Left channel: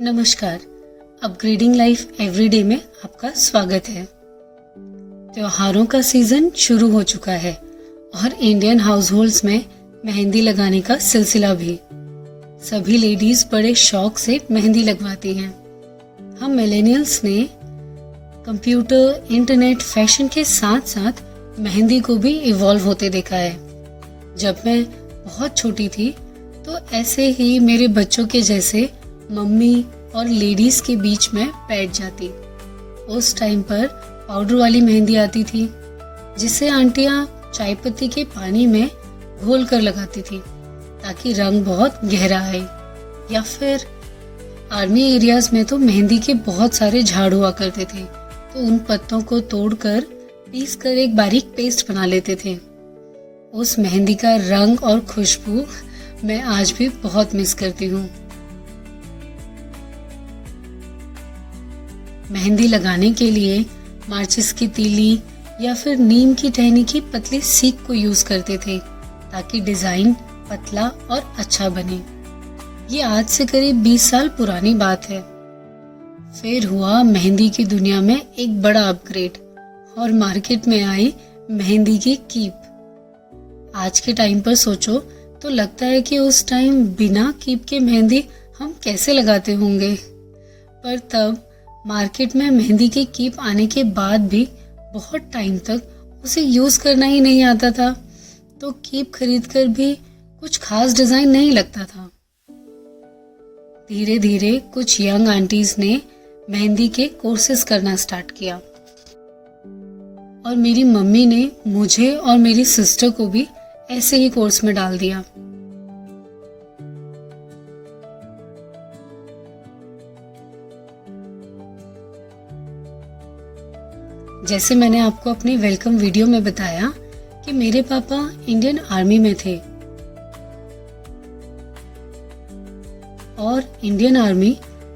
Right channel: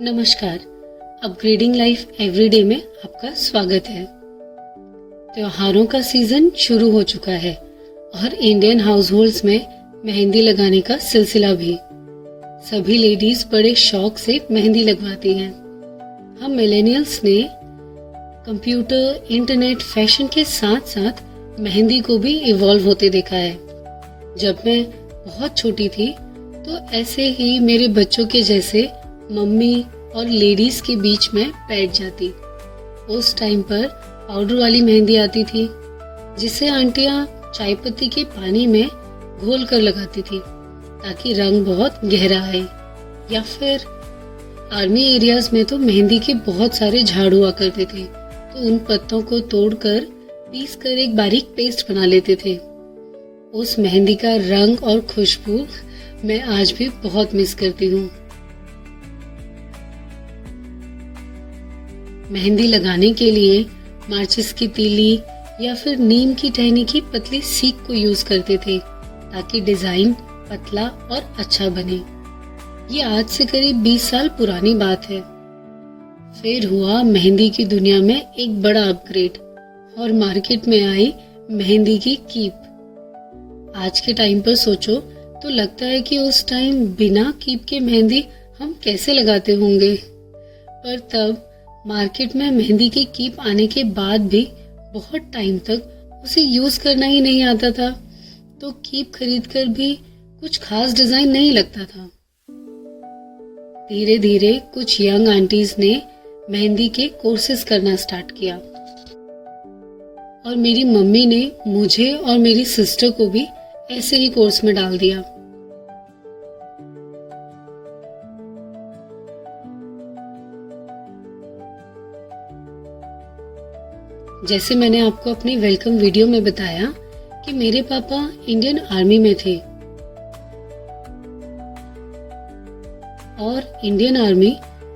नमस्कार, upgrading life everyday में आपका स्वागत है। त्योहारों का सीजन शुरू हो चुका है और इंडियन हाउसहोल्ड्स में मेहंदी लगाने का सिलसिला भी। सभी लेडीज बड़े शौक से मेहंदी लगवाती हैं। हम मिलेनियल्स ने कंप्यूटर, इंटरनेट, फैशन के साथ साथ मेहंदी को भी इवॉल्व होते देखा है। जब मैं बहुत छोटी थी तो ऐसे ही मेरे बच्चों के जैसे मम्मी और लेडीज के बीच में बैठ जाती। उस टाइम पर पाउडर वाली मेहंदी आती थी जिसे आंटियां चाय पत्ती के पानी में घोल कर लगाती थी ताकि रंग बहुत गहरा आए। या फिर आर्मी एरियाज में तो मेहंदी के बहुत सारे झाड़ हुआ करते थे, तो उन पत्तों को तोड़कर पीस कर एक बारीक पेस्ट बना लेते थे। उस मेहंदी का रंग और खुशबू मैं आज भी बहुत मिस करती हूँ। मेहंदी लगाने के लिए माचिस की तीली या फिर नीम की टहनी की पतली सीक को यूज करते थे ताकि डिजाइन पतला और अच्छा बने। ये आज से करीब 20 साल पुरानी बात है। फिर हुआ मेहंदी की दुनिया में एक बड़ा अपग्रेड और मार्केट में आई मेहंदी की कीप। आज के टाइम पर सोचो तो लगता है कि उस टाइम बिना कीप के मेहंदी हम कैसे लगाते होंगे। पर तब मार्केट में मेहंदी की कीप आने के बाद भी बहुत टाइम तक उसे यूज करना ही नहीं आता था, तो कीप खरीदकर भी कुछ खास डिजाइन नहीं लगता था। धीरे धीरे कुछ यंग आंटीज ने मेहंदी के कोर्सेज करना स्टार्ट किया और मेरी मम्मी ने मुझे और मेरी सिस्टर को भी ऐसे ही कोर्स में डाल दिया। जैसे मैंने आपको अपनी वेलकम वीडियो में बताया कि मेरे पापा इंडियन आर्मी में थे और इंडियन आर्मी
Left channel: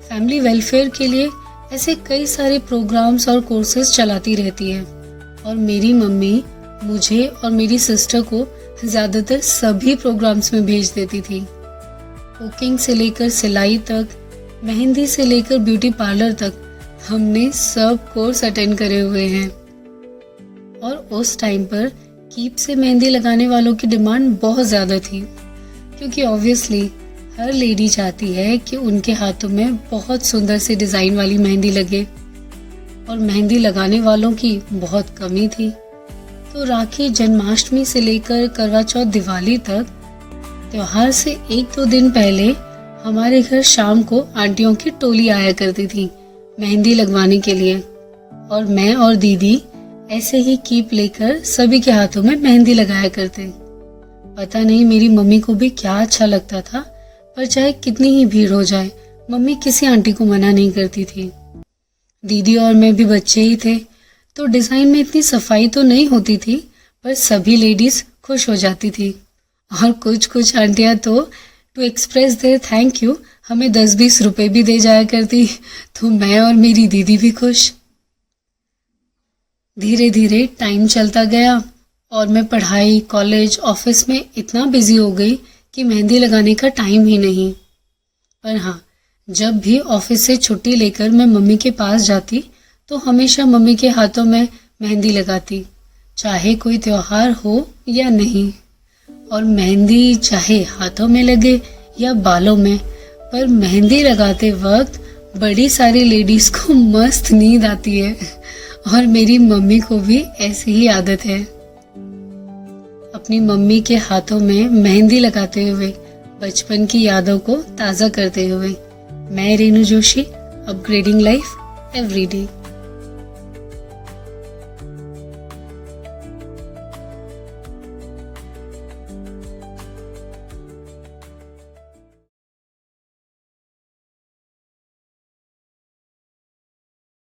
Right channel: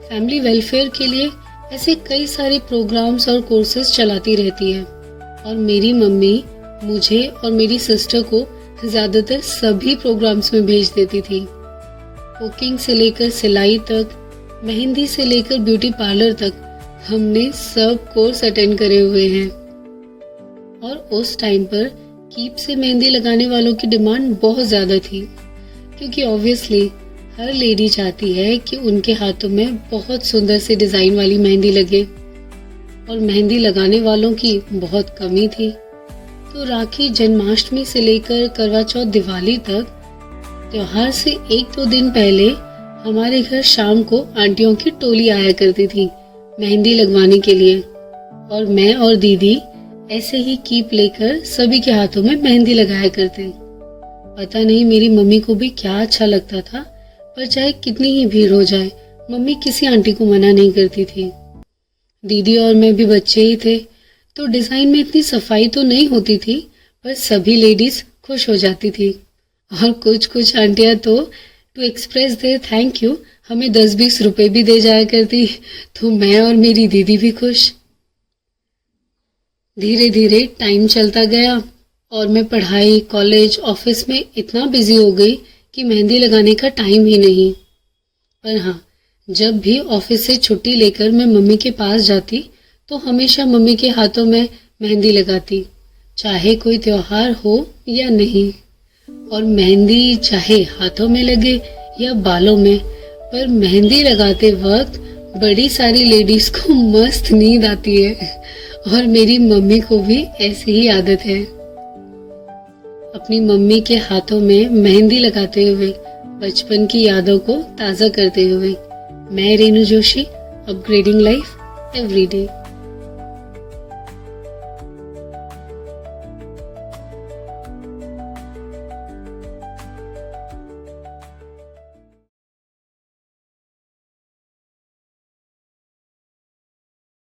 फैमिली वेलफेयर के लिए ऐसे कई सारे प्रोग्राम्स और कोर्सेज चलाती रहती है। और मेरी मम्मी मुझे और मेरी सिस्टर को ज्यादातर सभी प्रोग्राम्स में भेज देती थी। कुकिंग से लेकर सिलाई तक, मेहंदी से लेकर ब्यूटी पार्लर तक हमने सब कोर्स अटेंड करे हुए हैं। और उस टाइम पर कीप से मेहंदी लगाने वालों की डिमांड बहुत ज्यादा थी, क्योंकि ऑब्वियसली हर लेडी चाहती है कि उनके हाथों में बहुत सुंदर से डिजाइन वाली मेहंदी लगे और मेहंदी लगाने वालों की बहुत कमी थी। तो राखी, जन्माष्टमी से लेकर करवा चौथ, दिवाली तक त्योहार से 1-2 दिन पहले हमारे घर शाम को आंटियों की टोली आया करती थी मेहंदी लगवाने के लिए। और मैं और दीदी ऐसे ही कीप लेकर सभी के हाथों में मेहंदी लगाया करते। पता नहीं मेरी मम्मी को भी क्या अच्छा लगता था, पर चाहे कितनी ही भीड़ हो जाए मम्मी किसी आंटी को मना नहीं करती थी। दीदी और मैं भी बच्चे ही थे, तो डिजाइन में इतनी सफाई तो नहीं होती थी, पर सभी लेडीज खुश हो जाती थी। और कुछ आंटियां तो to express there thank you हमें 10-20 रुपए भी दे जाया करती, तो मैं और मेरी दीदी भी खुश। धीरे धीरे टाइम चलता गया और मैं पढ़ाई, कॉलेज, ऑफिस में इतना बिजी हो गई कि मेहंदी लगाने का टाइम ही नहीं। पर हाँ, जब भी ऑफिस से छुट्टी लेकर मैं मम्मी के पास जाती तो हमेशा मम्मी के हाथों में मेहंदी लगाती, चाहे कोई त्योहार हो या नहीं। और मेहंदी चाहे हाथों में लगे या बालों में, पर मेहंदी लगाते वक्त बड़ी सारी लेडीज को मस्त नींद आती है और मेरी मम्मी को भी ऐसी ही आदत है। अपनी मम्मी के हाथों में मेहंदी लगाते हुए बचपन की यादों को ताजा करते हुए मैं Renu Joshi, upgrading life everyday.